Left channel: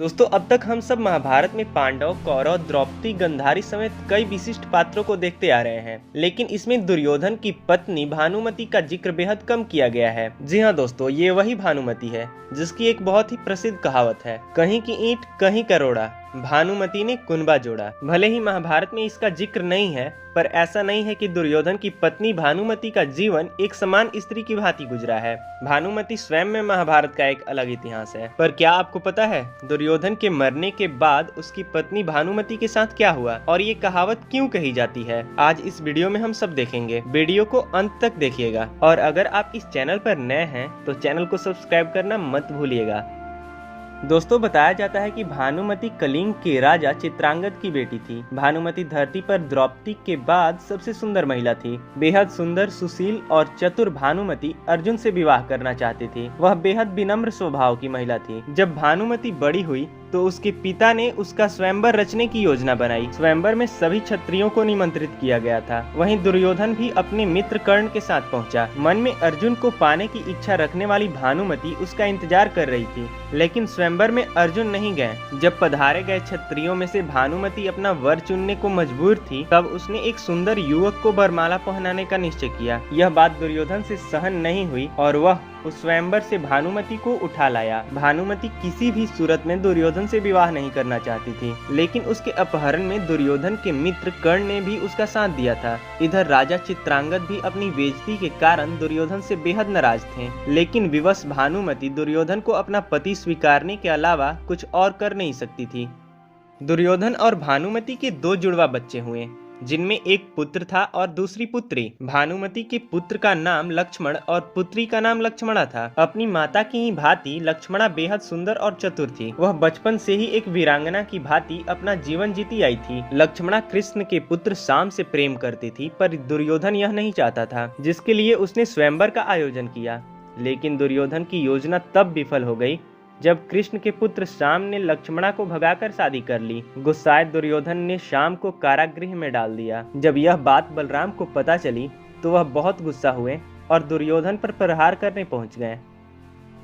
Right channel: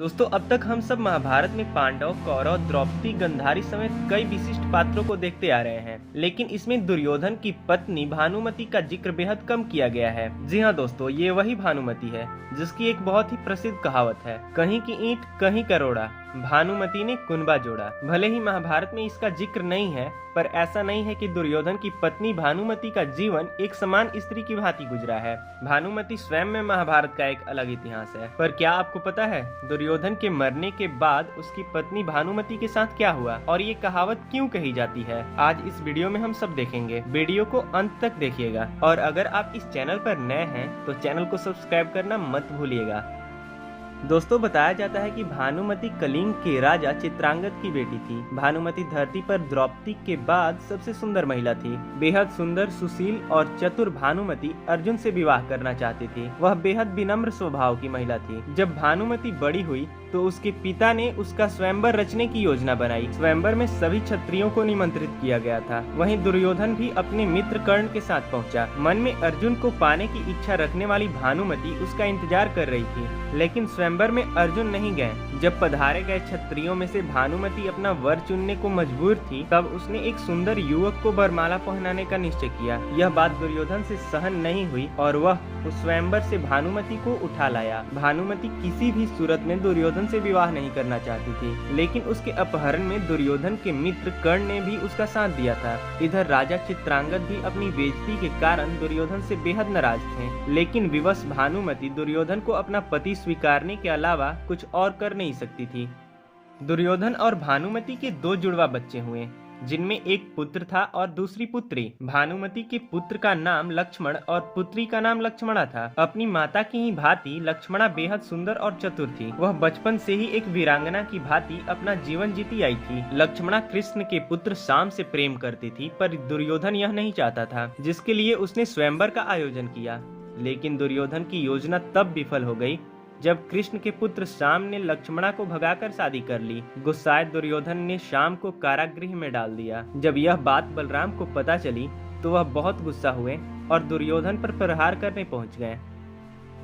दोस्तों, अब तक हम सब महाभारत में पांडव, कौरव, द्रौपदी, गंधारी समेत कई विशिष्ट पात्रों को देखते आ रहे हैं, लेकिन इसमें दुर्योधन की पत्नी भानुमति का जिक्र बेहद कम किया गया है। जी हाँ दोस्तों, ये वही भानुमति है जिसकी एक बहुत ही प्रसिद्ध कहावत है, कहीं की ईंट कहीं करोड़ा, भानुमति ने कुनबा जोड़ा। भले ही महाभारत में इसका जिक्र नहीं है, पर ऐसा नहीं है कि दुर्योधन की पत्नी भानुमति का जीवन एक समान स्त्री की भांति गुजरा है। भानुमति स्वयं में महाभारत का एक अलग इतिहास है। पर क्या आपको पता है दुर्योधन के मरने के बाद उसकी पत्नी भानुमति के साथ क्या हुआ और ये कहावत क्यों कही जाती है? आज इस वीडियो में हम सब देखेंगे। वीडियो को अंत तक देखिएगा और अगर आप इस चैनल पर नए हैं तो चैनल को सब्सक्राइब करना मत भूलिएगा। दोस्तों, बताया जाता है कि भानुमति कलिंग के राजा चित्रांगद की बेटी थी। भानुमति धरती पर द्रौपदी के बाद सबसे सुंदर महिला थी। बेहद सुंदर, सुशील और चतुर भानुमति अर्जुन से विवाह करना चाहती थी। वह बेहद विनम्र स्वभाव की महिला थी। जब भानुमति बड़ी हुई तो उसके पिता ने उसका स्वयंवर रचने की योजना बनाई। स्वयंवर में सभी क्षत्रियों को निमंत्रित किया गया था। वहीं दुर्योधन भी अपने मित्र कर्ण के साथ पहुंचा। मन में अर्जुन को पाने की इच्छा रखने वाली भानुमति उसका इंतजार कर रही थी, लेकिन स्वयंवर में अर्जुन नहीं गए। जब पधारे गए क्षत्रियों में से भानुमति अपना वर चुनने को मजबूर थी, तब उसने एक सुंदर युवक को वरमाला पहनाने का निश्चय किया। यह बात दुर्योधन से सहन नहीं हुई और वह उस स्वयंवर से भानुमति को उठा लाया। भानुमति किसी भी सूरत में दुर्योधन से विवाह नहीं करना चाहती थी, लेकिन उसके अपहरण में दुर्योधन के मित्र कर्ण ने भी उसका साथ दिया था। इधर राजा चित्रांगद भी अपनी बेइज्जती के कारण दुर्योधन से बेहद नाराज थे, लेकिन विवश भानुमति दुर्योधन को अपना पति स्वीकारने के अलावा कुछ और कर नहीं सकती थी। दुर्योधन और भानुमति के दो जुड़वा बच्चे हुए, जिनमें एक पुत्र था और दूसरी पुत्री। भानुमति के पुत्र का नाम लक्ष्मण और पुत्री का नाम लक्ष्मणा था। अपनी माता की ही भांति लक्ष्मणा बेहद सुंदर और चतुर थी। वह बचपन से ही एक वीरांगना की भांति अपना जीवन जीती आई थी। लक्ष्मणा कृष्ण के पुत्र शाम से प्रेम करती थी, पर दुर्योधन यह नहीं चाहता था, जिसके लिए उसने स्वयंवर का आयोजन किया। लेकिन दुर्योधन की योजना तब विफल हो गई जब कृष्ण के पुत्र शाम ने लक्ष्मणा को भगाकर शादी कर ली। गुस्साए दुर्योधन ने शाम को कारागृह में डाल दिया। जब यह बात बलराम को पता चली तो वह बहुत गुस्सा हुए और दुर्योधन पर प्रहार करने पहुंच गए।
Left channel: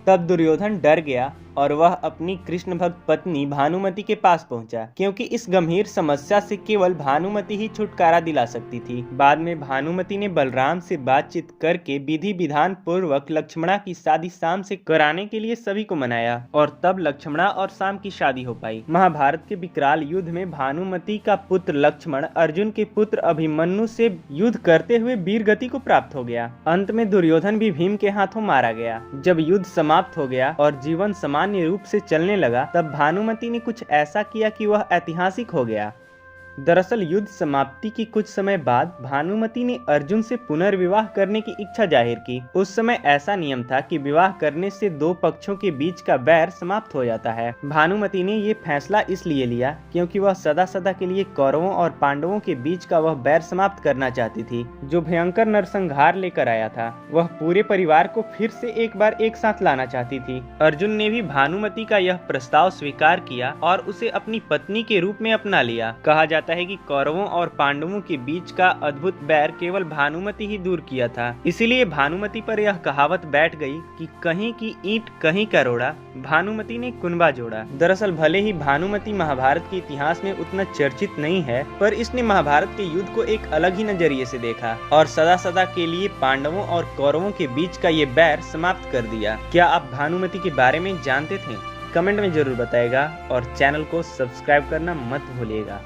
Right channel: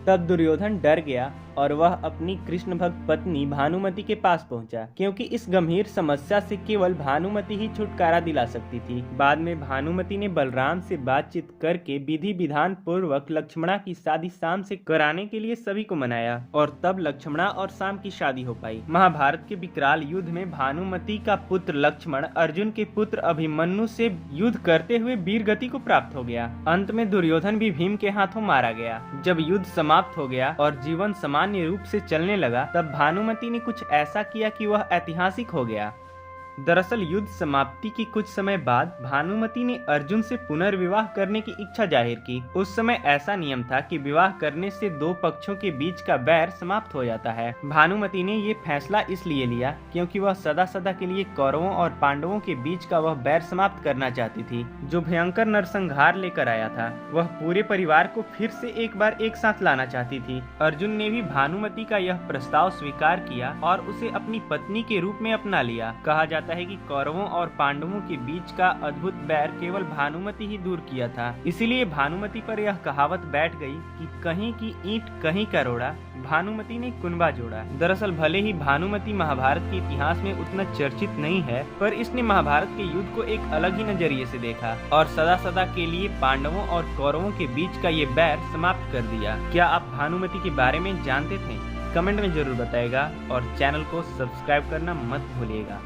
तब दुर्योधन डर गया और वह अपनी कृष्ण भक्त पत्नी भानुमति के पास पहुंचा, क्योंकि इस गंभीर समस्या से केवल भानुमति ही छुटकारा दिला सकती थी। बाद में भानुमति ने बलराम से बातचीत करके विधि विधान पूर्वक लक्ष्मणा की शादी शाम से कराने के लिए सभी को मनाया और तब लक्ष्मणा और शाम की शादी हो पाई। महाभारत के विकराल युद्ध में भानुमति का पुत्र लक्ष्मण अर्जुन के पुत्र अभिमन्यु से युद्ध करते हुए वीर गति को प्राप्त हो गया। अंत में दुर्योधन भी भीम के हाथों मारा गया। जब युद्ध समाप्त हो गया और जीवन सामान्य रूप से चलने लगा, तब भानुमति ने कुछ ऐसा किया कि वह ऐतिहासिक हो गया। दरअसल युद्ध समाप्ति के कुछ समय बाद भानुमति ने अर्जुन से पुनर्विवाह करने की इच्छा जाहिर की। उस समय ऐसा नियम था कि विवाह करने से दो पक्षों के बीच का बैर समाप्त हो जाता है। भानुमति ने ये फैसला इसलिए लिया क्योंकि वह सदा सदा के लिए कौरवों और पांडवों के बीच का वह बैर समाप्त करना चाहती थी, जो भयंकर नरसंहार लेकर आया था। वह पूरे परिवार को फिर से एक बार एक साथ लाना चाहती थी। अर्जुन ने भी भानुमति का यह प्रस्ताव स्वीकार किया और उसे अपनी पत्नी के रूप में अपना लिया। कहा जाता है कि कौरवों और पांडवों के बीच का अद्भुत बैर केवल भानुमति ही दूर किया था। इसीलिए भानुमति पर यह कहावत बैठ गई कि कहीं की ईंट कहीं करोड़ा, भानुमति ने कुनबा जोड़ा। दरअसल भले ही भानुमति महाभारत के इतिहास में उतना चर्चित नहीं है, पर इसने महाभारत के युद्ध को एक अलग ही नजरिए से देखा और सदा सदा के लिए पांडवों और कौरवों के बीच का ये बैर समाप्त कर दिया। क्या आप भानुमति के बारे में जानते थे? कमेंट में जरूर बताइएगा और चैनल को सब्सक्राइब करना मत भूलिएगा।